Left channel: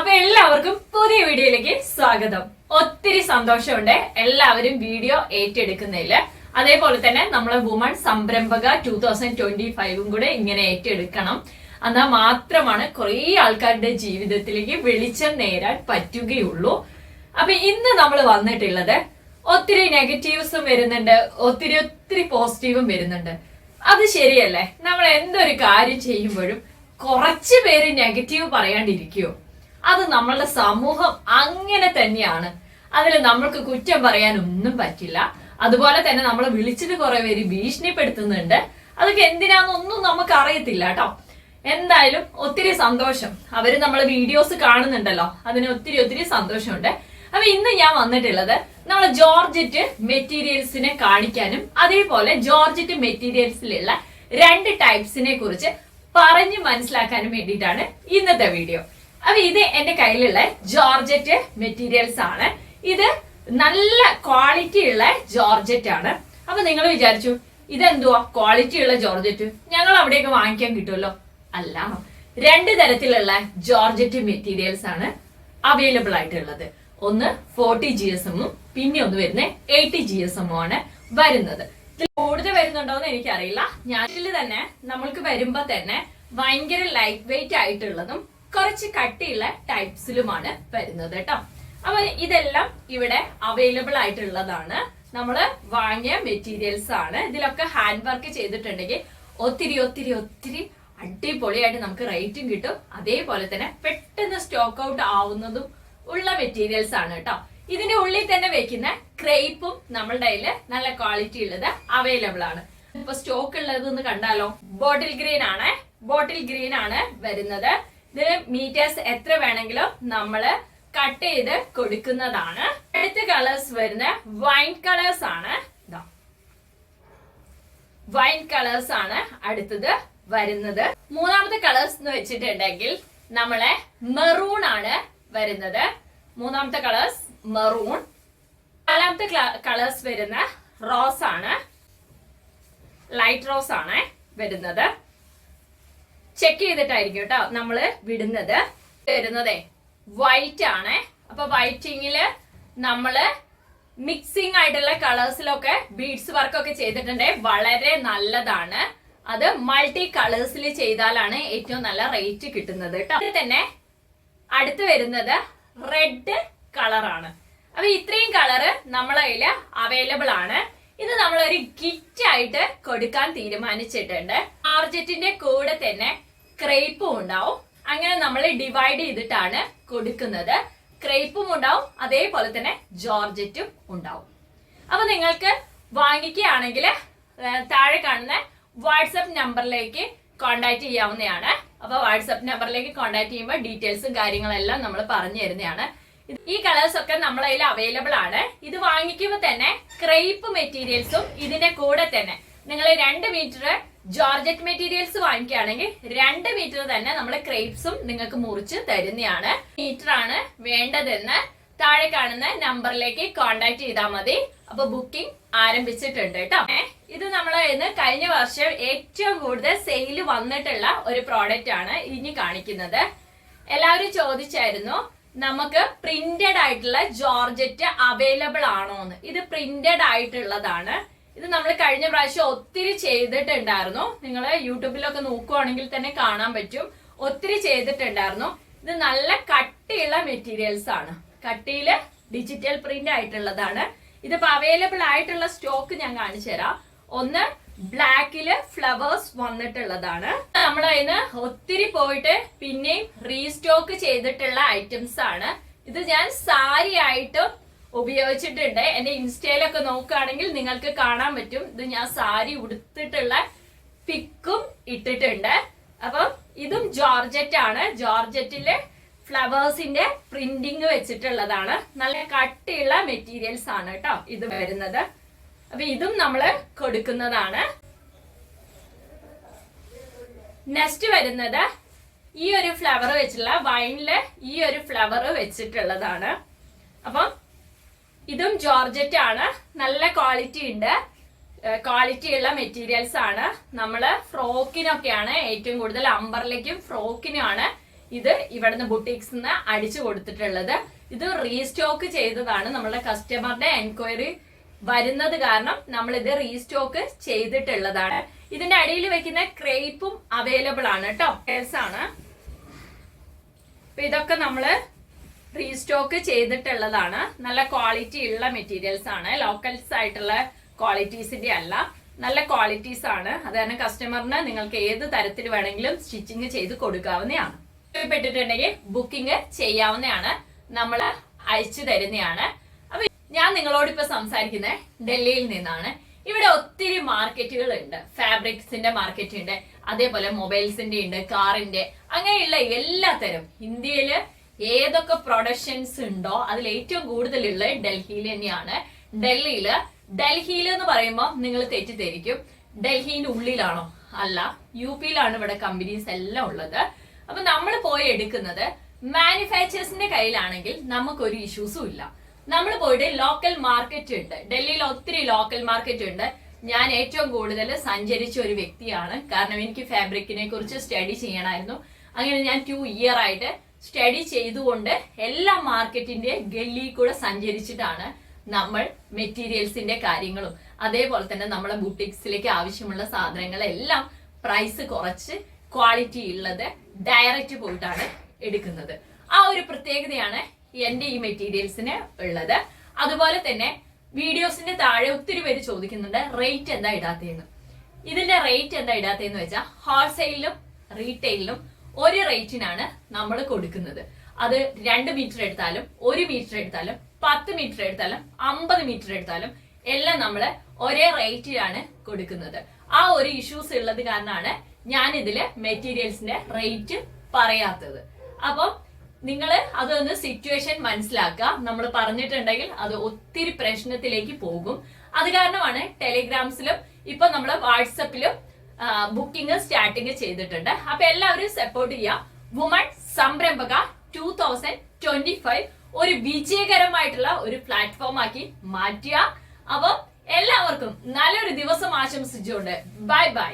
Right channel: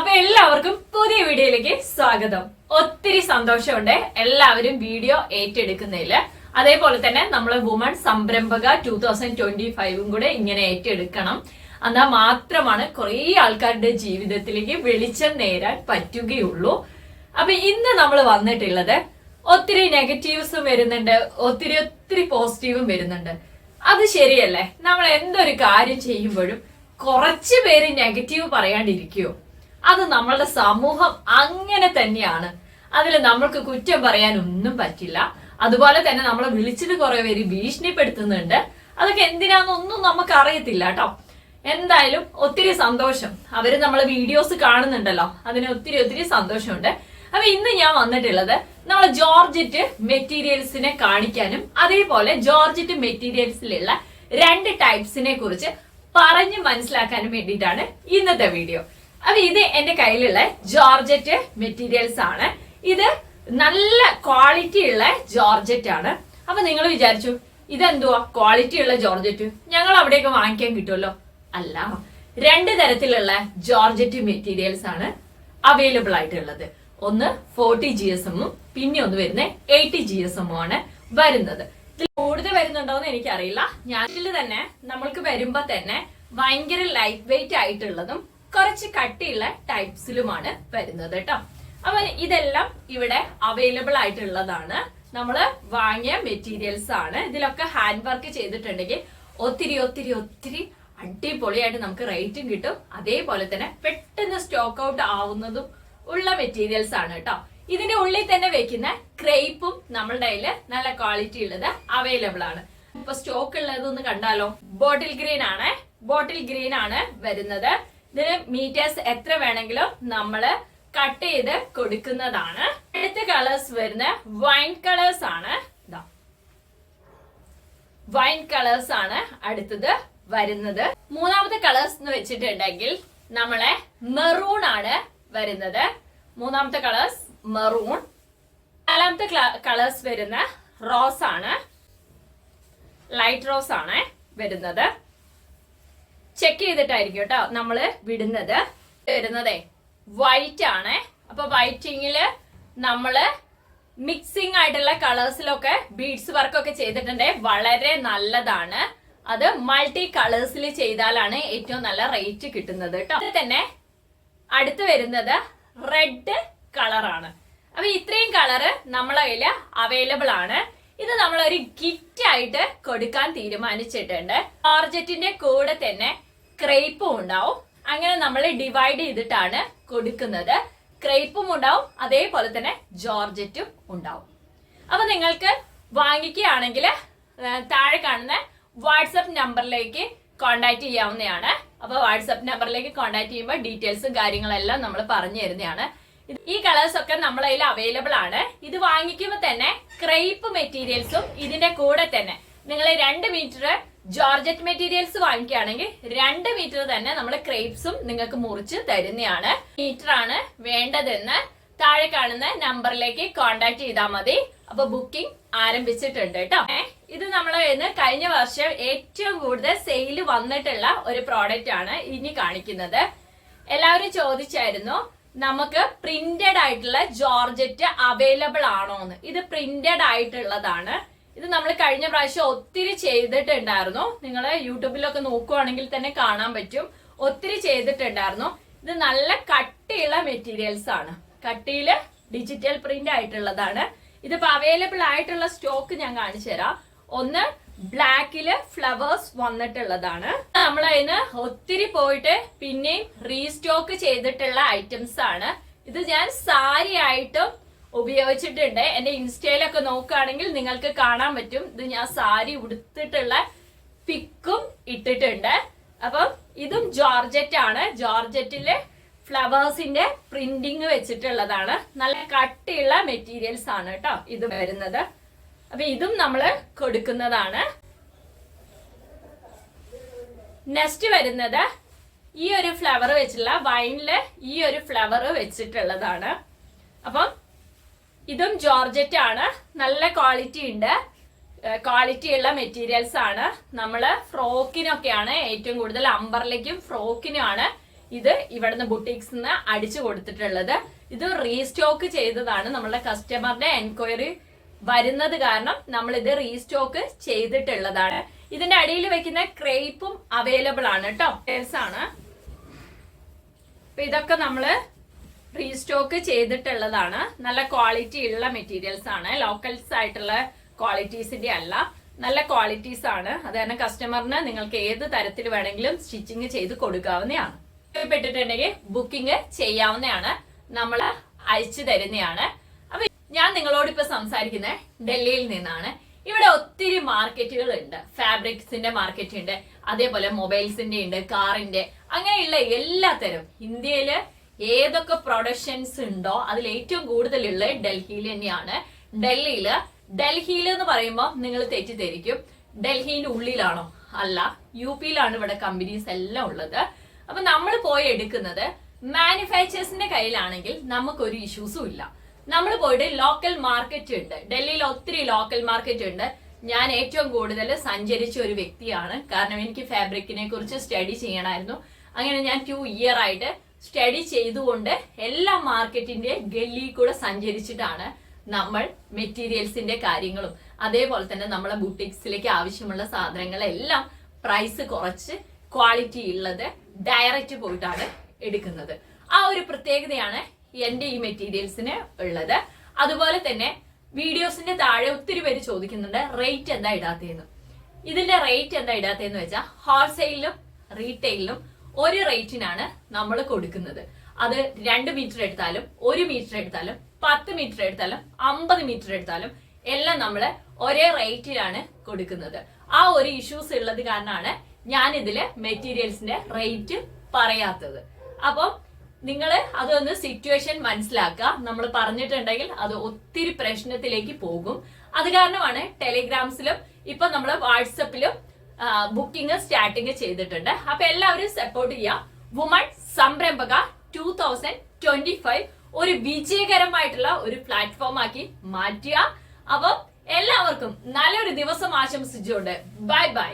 അപ്പൊ എല്ലാവർക്കും പുതിയ വീഡിയോയിലേക്ക് സ്വാഗതം. ഒത്തിരി സന്തോഷമുണ്ട് എല്ലാവരും വീഡിയോ ഏറ്റെടുക്കുന്നതിൽ. അതേപോലെ തന്നെ നമ്മളെ വുമൺ സംരംഭക ടൂ തൗസൻഡ് ട്വന്റി ഫൈവും കൂടെ ഇങ്ങനെ ഏറ്റെടുക്കണം. എന്നാൽ മാത്രമാണ് കുറെ ആൾക്കാരുടെ ജീവിതത്തിലേക്ക് വെളിച്ചം നേരാൻ പറ്റുകയുള്ളൂ. അപ്പൊ ഇന്ന് നമ്മൾ വന്നിട്ടുള്ളത് ഒത്തിരി നെഗറ്റീവ്സും വരുന്നുണ്ട് ഒത്തിരി ഒത്തിരി പോസിറ്റീവും വരുന്നുണ്ട്. അത് ശരിയല്ലേ? നമ്മൾ എന്തൊരു കാര്യം ചെയ്യുമ്പോഴും കുറച്ച് പേര് നെഗറ്റീവ് പറയാണ്ടിരിക്കുവോ? അത് നമ്മളുടെ സമൂഹം അങ്ങനെ തന്നെയാണ്. അതിൽ നമ്മൾക്ക് കുറ്റം പറയാൻ ഒന്നും പറ്റില്ല. അതുപോലെ തന്നെ നമ്മൾ വിളിച്ചിട്ട് കുറെ പേര് ഭീഷണിപ്പെടുത്തുന്നുണ്ട്. അതൊക്കെ എന്തിനാന്നൊന്നും നമുക്ക് അറിയത്തില്ല കേട്ടോ. എന്തായാലും ഒത്തിരി സന്തോഷം. അവർ നമ്മളെ വീഡിയോസ് കാണുന്നുണ്ടല്ലോ. അതിന് ഒത്തിരി ഒത്തിരി സന്തോഷമുണ്ട്. അപ്പൊ ഇന്ന് ഞാൻ വന്നിട്ടുള്ളത് നമ്മളെ ജോർജറ്റ് മെറ്റീരിയൽസിനെ കാണിക്കാനും അതേപോലെ ജോർജറ്റ് മെറ്റീരിയൽസിലുള്ള രണ്ട് ടൈപ്സിനെ കുറിച്ച് പറഞ്ഞു മനസ്സിലാക്കാനും വേണ്ടിയിട്ടാണ് ഇന്നത്തെ വീഡിയോ. അപ്പൊ ഇത് എന്റെ കയ്യിലുള്ള ജോർജറ്റ് മെറ്റീരിയൽസ് ആണ്. ഇത് നല്ല ക്വാളിറ്റി ഉള്ള ജോർജറ്റ് ആണ്. അപ്പൊ നിങ്ങൾ വിചാരിച്ചു ഇതെന്തുവാ? ക്വാളിറ്റി ഉള്ള ജോർജറ്റ്? ഞങ്ങൾ അവിടെയൊക്കെ വാങ്ങിക്കാൻ കിട്ടുമല്ലോ. അല്ല രണ്ട് തരത്തിലുള്ള ജോർജറ്റ് മെറ്റീരിയൽസ് ആണ് അവൈലബിൾ ആയിട്ടുള്ളത്. ഒന്ന് ഫോർട്ടി ജി എസ് എമ്മും പിന്നെ ഒന്ന് വരുന്ന എയ്റ്റി ജി എസ് എമ്മും ആണ് വരുന്നത്. ഇതിൽ കൂടുതൽ വരുന്നുണ്ടോ എന്ന് എനിക്കറിയില്ല. ഞാനിൽ തന്നെ നമ്മൾക്ക് വരുമ്പോ തന്നെ ഭയങ്കര ലൈറ്റ് വെയിറ്റ് ആയിട്ടുള്ളതും കുറച്ച് കട്ടിയുള്ള ടൈപ്സിലുമാണ് വരുന്നത് കേട്ടോ. അപ്പൊ ഇതെല്ലാം ഇവിടെ അവൈലബിൾ ആയിട്ടുള്ളതാണ്. നമ്മൾ വാങ്ങിയ മെറ്റീരിയൽസ് ആണ്. ഇതിലൊക്കെ ഹാൻഡ് വർക്ക് ചെയ്തിട്ടുണ്ടെങ്കിൽ ഒത്തിരി ഒത്തിരി ഒത്തിരി അടിപൊളിയായിട്ട് നമുക്ക് റേറ്റും കിട്ടും. അതേപോലെ തന്നെ പെട്ടെന്ന് സ്റ്റോക്ക് ഔട്ട് ആവുന്നതും ഉള്ള മെറ്റീരിയൽസ് ആണ് കേട്ടോ. ഇതിന്റെ ഉള്ളിൽ തന്നെ വെക്കുന്ന ക്രേപ്പും നമ്മളുടെ കയ്യിൽ നല്ല ക്വാളിറ്റി ഉള്ളത് അവൈലബിൾ ആണ്. ഇപ്പൊ സ്റ്റോക്ക് ഉള്ളത് ഒന്ന് കണ്ടാലോ? ബോട്ടിൽ ഗ്രീൻ ആണ്. ബോട്ടിൽ ഗ്രീൻ ആണ് വരുന്നത്. ഇതിന് മീറ്റേഴ്സ് എത്ര വേണമെങ്കിലും നമ്മൾ കട്ട് ചെയ്ത് കൊടുക്കുന്നതാണ്. അടുത്ത കളേഴ്സ് വരുന്ന വൈൻ കളേഴ്സ് ആണ്. ഇതാ വൈൻ കളേഴ്സ് ആണ് അടുത്തത് വരുന്നത്. മൂന്നാമത്തെ കളേഴ്സ് എന്ന് വെച്ചിട്ടുണ്ടെങ്കിൽ നമ്മളെ മെറൂൺ ആണ് വരുന്നത്. മൂന്നാമത്തെ കളേഴ്സ് മെറൂൺ നാലാമത്തെ കളേഴ്സ് വരുന്ന റോസ് ആണ്. ലൈറ്റ് റോസ് ആണ് വരുന്നത്. ചെക്ക് ചെയ്തിട്ടായിരിക്കും കേട്ടോ നമ്മൾ വിടുന്നത്. വരുന്നതേ വൈറ്റ് ആണ്. അപ്പൊ വൈറ്റിങ്ങിൽ നമ്മൾ മിക്സിംഗ് ആയിട്ടുള്ള കളേഴ്സിലൊക്കെ ബീഡ്സ് വർക്ക് ഒക്കെ ചെയ്തിട്ടുണ്ട്. വളരെ നല്ലതാണ്. അത് മൾട്ടി കളേഴ്സിൽ ചെയ്താലാണ് ഏറ്റവും നല്ല റേറ്റ് കിട്ടുന്നത് കേട്ടോ. അത് തന്നെ അടുത്ത് വരുന്നത് റെഡ് കളറാണ് അപ്പൊ ഇത്രയും കളറ് നമ്മളെ കയ്യിൽ അവൈലബിൾ ആണ്. ഇത് നമ്മൾ ഒരു ഗിഫ്റ്റ് ആയിട്ട് കൊടുക്കാൻ തീരുമാനിച്ചിട്ടുണ്ട്. ആർജറ്റിന്റെ കൂടെ തന്നെ ക്രേപ്പും ഉണ്ടാവും. അങ്ങനെ നമ്മൾ ഡിവൈഡ് ചെയ്തിട്ടാണ് കൊടുക്കുന്നത്. ക്രേപ്പും ഉണ്ടാവും അതേപോലെ തന്നെ ജോർജറ്റും ഉണ്ടാവും. അപ്പൊ നിങ്ങൾക്ക് വാങ്ങിക്കുകയാണെങ്കിൽ താഴെ കാണുന്ന വാട്സപ്പ് നമ്പറിലേക്ക് കോണ്ടാക്ട് ചെയ്യാവുന്നതാണ്. അപ്പൊ വാട്സപ്പ് നമ്പറിലേക്ക് കോണ്ടാക്ട് ചെയ്യുമ്പോൾ ഡീറ്റെയിൽസും കാര്യങ്ങളെല്ലാം നമ്മൾ പറഞ്ഞു തരുന്നതാണ്. ഈ കളേഴ്സ് ഒക്കെ നമ്മളെ കയ്യിൽ അവൈലബിൾ ആണ്. ഇത് വാങ്ങിക്കുമ്പോൾ തന്നെ ക്രേപ്പ് മെറ്റീരിയൽസും ഇതിന്റെ കൂടെ തന്നെ. നിങ്ങൾ രണ്ട് മീറ്റർ ജോർജറ്റ് മെറ്റീരിയൽസ് വാങ്ങിക്കുകയാണെങ്കിൽ രണ്ട് മീറ്റർ തന്നെ നമ്മൾ ക്രേപ്സും നിങ്ങൾക്ക് മുറിച്ച് തരുന്നതാണ്. മീറ്റർ ആണ് വേണ്ടതെന്ന് താഴെ കാണുന്ന നമ്പറിലേക്ക് കോണ്ടാക്ട് ചെയ്താൽ മതി. അപ്പൊ ബുക്കിംഗ് ആരംഭിച്ചിട്ടുണ്ട് കേട്ടോ. ഇത് നമ്മൾ ഇന്ന് കഴിഞ്ഞ വർഷം ഏറ്റവും കൂടുതൽ സെയിൽ വന്നിട്ടുള്ള ഒരു പ്രോഡക്റ്റ് ആണ് ഇനി കാണിക്കുന്നത്. എല്ലാവരും ചോദിച്ചായിരുന്നു നമുക്ക് പ്രിന്റഡ് ആയിട്ടുള്ള ജോർജറ്റ് അവൈലബിൾ ആണോ എന്ന് ഇത് പ്രിന്റഡ് ആയിട്ടുള്ളതാണ്. ഇത് നമ്മൾ കഴിഞ്ഞ പ്രാവശ്യം ഒത്തിരി ചെയ്തിട്ടുണ്ടായിരുന്നു. നിങ്ങൾ യൂട്യൂബിലൊക്കെ നോക്കുവാണെങ്കിൽ തന്നെ കാണാൻ പറ്റും. ഒത്തിരി ചെയ്തിട്ടുണ്ടായിരുന്നു. ഇത് നല്ല കട്ടിയുള്ള മെറ്റീരിയൽസ് ആണ്. കട്ടിയിൽ ഡിജിറ്റൽ പ്രിന്റ് ആയിട്ടുള്ളതാണ്. ഇതിപ്പോ അവൈലബിൾ ആയിട്ടുള്ള സ്റ്റോക്ക് ഞാൻ കാണിച്ചു തരാം. ഒന്ന് ബ്ലാക്കിൽ ഫ്ലവേഴ്സ് വന്നിട്ടുള്ളതാണ്. നമ്മൾ അതിന് ഒത്തിരി പോയിട്ട് പിന്നെയും റീസ്റ്റോക്ക് ചെയ്തിട്ടുള്ള ഐറ്റംസ് ആണ്. ഇത് ഞാൻ സാരി ആയിട്ടും ഉപയോഗിച്ചിട്ടുണ്ട്. എന്റെ ഇൻസ്റ്റയിലൊക്കെ നോക്കുകയാണെങ്കിൽ നിങ്ങൾക്ക് കാണാൻ പറ്റും. ഇത് ഞാൻ സാരി ഉടുത്തിട്ടുള്ള പിക്കും ഇട്ടിട്ടുണ്ട്. അപ്പം ഇതും ജോർജറ്റ് ആണ്. ജോർജറ്റിലെ ഫ്ലവേഴ്സിന്റെ പ്രിന്റിങ് വെച്ചിട്ടുള്ളതാണ്. നല്ല കട്ടിയുള്ള മെറ്റീരിയൽസ് ആണ് കേട്ടോ ഇത് വരുന്നത്. അപ്പൊ ഇതും നമ്മൾ കൊടുക്കുന്നതാണ്. നെക്സ്റ്റ് വരുന്നത് ഈ ഒരു ഫ്ലവർ വെച്ചിട്ടുള്ള വൈനിൽ ഈ ഒരു ഫ്ലവർ വെച്ചിട്ടുള്ളതാണ്. അപ്പം ഇതും ജോർജറ്റ് ആണ്. നല്ല ക്വാളിറ്റി ഉണ്ട്. ക്വാളിറ്റി ഉള്ള മെറ്റീരിയൽസ് ആണ്. നമ്മൾ ഫ്രോക്കിനൊക്കെയാണ് ഏറ്റവും കൂടുതൽ അമ്പർലേക്കും ഫ്രോക്കിനുമാണ് ഇത് ഇവിടുന്ന് ബുട്ടീക്സ് നിന്ന് അടിച്ചു കൊടുത്തിട്ടുള്ളത്. ഇത് റീസ്റ്റോക്ക് ചെയ്തതാണ് നമ്മളുടെ കസ്റ്റമറുടെ എൻക്വയറി വരുന്നത് കാരണം നമ്മൾ ഇത് റീസ്റ്റോക്ക് ചെയ്തിട്ടുള്ളതാണ്. ഇതിന്റെ അടിയിൽ വെക്കുന്ന ക്രേപ്പും അവൈലബിൾ ആണ് കേട്ടോ ആണ്. ഇതൊക്കെ നമ്മൾ റീസ്റ്റോക്ക് ചെയ്തിട്ടുള്ളതാണ്. നല്ല ക്വാളിറ്റി ഉള്ള മെറ്റീരിയൽസ് ആണ്. ലോക്കൽസ് ആയിട്ടുള്ള ക്വാളിറ്റീസിന്റെ അല്ല. നല്ല ക്വാളിറ്റീസ് ആണ്. അത് തന്നെ കസ്റ്റമറിന് നിങ്ങൾക്ക് ഏത് തരത്തിൽ വേണമെങ്കിലും സ്റ്റിച്ചിങ് ചെയ്ത് കൊടുക്കാവുന്നതാണ്. ഇഷ്ടപ്പെട്ടിട്ടുണ്ടെങ്കിൽ ബുക്കിംഗ് ചെയ്യാവുന്നതാണ്. നമ്മൾ അയച്ചു തരുന്നതാണ്. അപ്പൊ ഞാൻ നിങ്ങളോട് ഇപ്പൊ സംസാരിക്കുന്നത് ഡൽഹിയിൽ നിന്നാണ്. ഇവിടെ ഒത്തിരി മാർക്കറ്റുകൾ ഉണ്ട്. ഫാബ്രിക്സിന്റെ മാർക്കറ്റ് ഉണ്ട്. അതേപോലെ മൊബൈൽസിന്റെ ഉണ്ട് കാറിന്റെ അങ്ങനെയുള്ള എല്ലാത്തരം. ഇന്ത്യയിൽ ഏതൊക്കെ പ്രൊഡക്ഷൻസ് ഉണ്ടോ അതിൽ ഏറ്റവും കൂടുതലുള്ള ഡൽഹിയിൽ തന്നെയാണ്. ഡൽഹിയിൽ ഡൽഹിയിൽ എന്ന് പറയുമ്പോൾ നിങ്ങൾ തെറ്റിദ്ധരിക്കും. ഡൽഹിന്റെ ഉള്ളിലാണോ? അല്ല യു പിയിലാണ് ഇവിടെ കമ്പനീസ് എല്ലാം ഉള്ളത്. അപ്പൊ നമ്മൾ പോയി എടുക്കുന്നത് മാനുഫാക്ചേഴ്സിന്റെ കയ്യിലാണെങ്കിൽ നമുക്കൊരു ഇഷ്യൂസും ഇല്ല. നമ്മൾ പോയിട്ട് ലോക്കൽ മാർക്കറ്റ് ഉണ്ട്. ഡൽഹിയിൽ ഒത്തിരി ലോക്കൽ മാർക്കറ്റ് ഉണ്ട്. ഞാൻ ഏറ്റവും കൂടുതൽ സഞ്ചരിച്ച ഒരു വ്യക്തിയാണ്. കാരണം എനിക്ക് ഫാബ്രിക്കിനെ കുറിച്ച് സ്റ്റഡി ചെയ്യണമായിരുന്നു. അങ്ങനെ ഞാൻ ടു ഇയർ ആയിട്ട് സ്റ്റഡി ചെയ്തുകൊണ്ട് എല്ലാ മാർക്കറ്റിന്റെ ഗല്ലി കൂടെ സഞ്ചരിച്ചിട്ടാണ് നമ്മൾ മെറ്റീരിയൽസിന്റെ കാര്യങ്ങളും അതേപോലെ തന്നെ നമ്മളെ ബുട്ടിക്സിലേക്ക് ആവശ്യമുള്ള സാധനങ്ങളെല്ലാം പ്രൈസ് കുറച്ച് ക്വാളിറ്റി ഉള്ളത് ഡയറക്റ്റ് പോയിട്ടാണ് എടുക്കുന്നത്. ആ ഒരു പ്രത്യേകതയാണ് എന്റെ ഈ മെറ്റീരിയൽസിന് ഉള്ളത്. അതുപോലെ തന്നെ വീഡിയോസിന്റെ താഴെ ഒത്തിരി പേര് ചോദിക്കുന്നുണ്ട് റേറ്റ് എന്താ ഇടാത്തതെന്ന്? ഇതിന്റെ റേറ്റ് എന്താ ഇടാത്തതെന്ന് വെച്ചാൽ ഹോൾസെയിലും റീറ്റെയിലും ഒരു റേറ്റിനാണ് നമ്മൾ കൊടുക്കുന്നത്. അത് രണ്ട് മീറ്റർ എടുത്താലും ഒരു മീറ്റർ എടുത്താലും പത്ത് മീറ്റർ എടുത്താലും അമ്പത് മീറ്റർ എടുത്താലും എല്ലാം നമ്മൾ ഒരേ റേറ്റിലാണ് കൊടുക്കുന്നത്. ആ ഒരു ഇഷ്യൂസ് ഉള്ളത് കാരണമാണ് ഞാൻ ഇതിൽ മെറ്റീരിയൽസിന്റെ റേറ്റ് പറയാത്തത്. അപ്പം നിങ്ങൾ അതൊന്ന് സിറ്റുവേഷൻ മനസ്സിലാക്കുക. നമ്മൾ പറഞ്ഞിട്ടുണ്ടെങ്കിൽ അത് ഒത്തിരി പ്രശ്നത്തിലേക്ക് പോകും. അത് കാരണമാണ് ടെലിഗ്രാംസിലും ഇപ്പൊ നമ്മൾ വാട്സപ്പിലും ബുക്കിംഗ് സ്റ്റാർട്ടിങ് ചെയ്തിട്ടുണ്ട്. അപ്പൊ എല്ലാവരും സപ്പോർട്ട് ചെയ്യാം. വുമൺ സംരംഭക ടൂ തൗസൻഡ് ട്വന്റി ഫൈവ് ഒരു വിജയകരമായിട്ടുള്ള ഒരു പ്ലാറ്റ്ഫോം ആക്കി മാറ്റുക അപ്പം എല്ലാവർക്കും നല്ലൊരു ദിവസം ആശംസിച്ചുകൊണ്ട് ബൈ ബൈ